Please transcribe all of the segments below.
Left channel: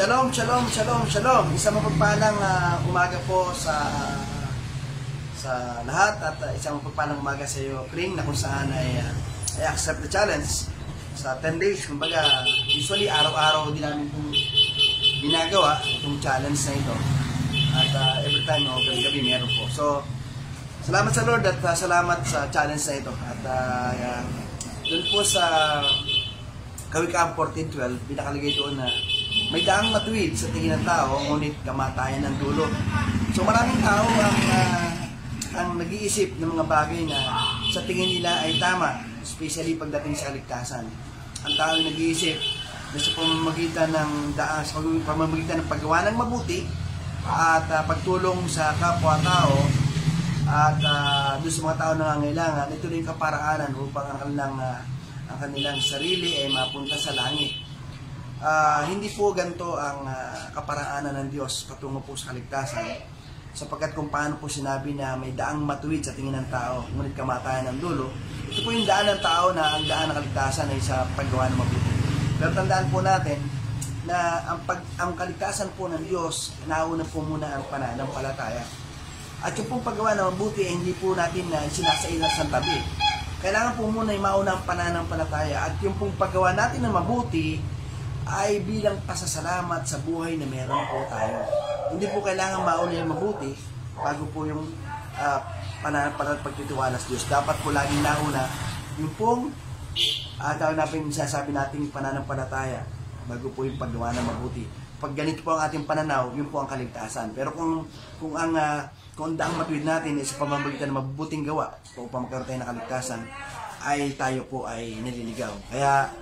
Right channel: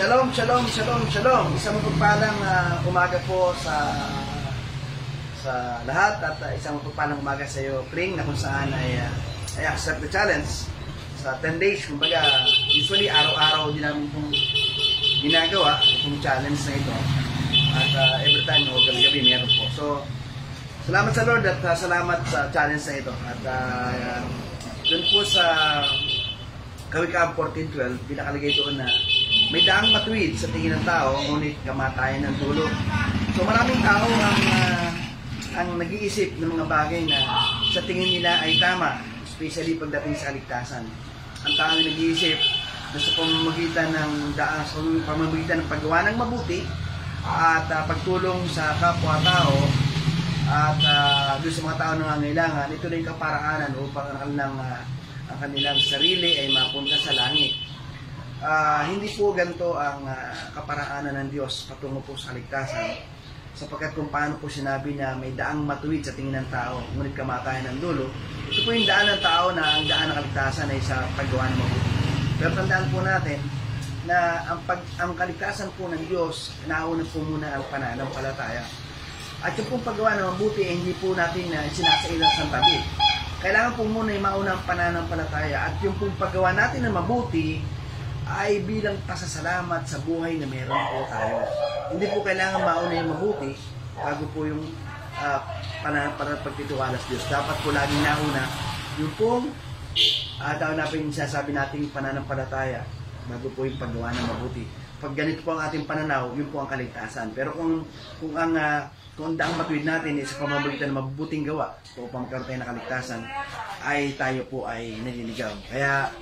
Shalom, shalom, shalom, shalom. Isang mapagpalang umaga po sa lahat at isang mapagpalang umaga sa iyo, Kling, na kung saan ay accept the challenge sa 10 days. Kumbaga, usually araw-araw din namin itong ginagawa, itong challenge na ito. At every time o gabi-gabi meron po. So, salamat sa Lord at salamat sa challenge na ito. At doon po sa Kawikaam 14:12, pinakalagay doon na may daang matuwid sa tingin ng tao, ngunit kamatayan ng dulo. So maraming tao ang nag-iisip ng mga bagay na sa tingin nila ay tama, especially pagdating sa kaligtasan. Ang tao ay nag-iisip na sa pamamagitan ng paggawa ng mabuti at pagtulong sa kapwa-tao at doon sa mga tao na nangangailangan, ito na yung kaparaanan upang ang kanilang sarili ay mapunta sa langit. Hindi po ganito ang kaparaanan ng Diyos patungo po sa kaligtasan, sapagkat kung paano po sinabi na may daang matuwid sa tingin ng tao, ngunit kamatayan ng dulo, ito po yung daan ng tao na ang daan ng kaligtasan ay sa paggawa ng mabuti. Pero tandaan po natin na ang kaligtasan po ng Diyos, nauna po muna ang pananampalataya. At yung pong paggawa ng mabuti ay hindi po natin na sinasailan sa tabi. Kailangan po muna yung maunang pananampalataya at yung pong paggawa natin ng mabuti ay bilang pasasalamat sa buhay na meron po tayo. Hindi po kailangan mauna yung mabuti bago po yung pagtitiwala sa Diyos. Dapat po laging nauna yung pong tawag natin yung sinasabi nating pananampalataya bago po yung paggawa ng mabuti. Pag ganito po ang ating pananaw, yun po ang kaligtasan. Pero kung ang daang matuwid natin sa pamamagitan ng mabubuting gawa upang magkaroon tayo ng kaligtasan, ay tayo po ay nililigaw. Kaya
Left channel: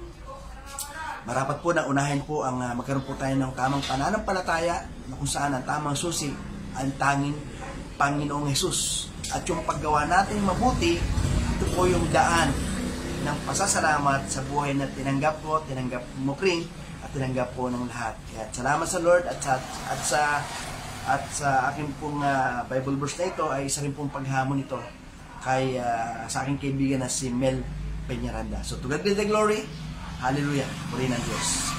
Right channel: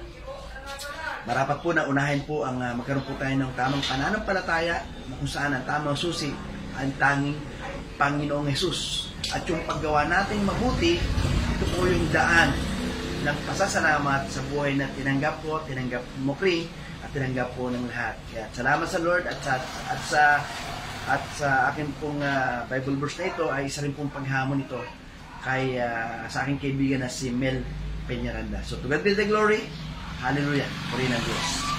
marapat po na unahin po ang magkaroon po tayo ng tamang pananampalataya na kung saan ang tamang susi ang tanging Panginoong Hesus. At yung paggawa natin mabuti, ito po yung daan ng pasasalamat sa buhay na tinanggap ko, tinanggap mo Kling, at tinanggap po ng lahat. Kaya salamat sa Lord at sa aking pong Bible verse na ito ay isa rin pong paghamon ito sa aking kaibigan na si Mel Peñaranda. So to God be the glory. Hallelujah. Purihin ang Diyos.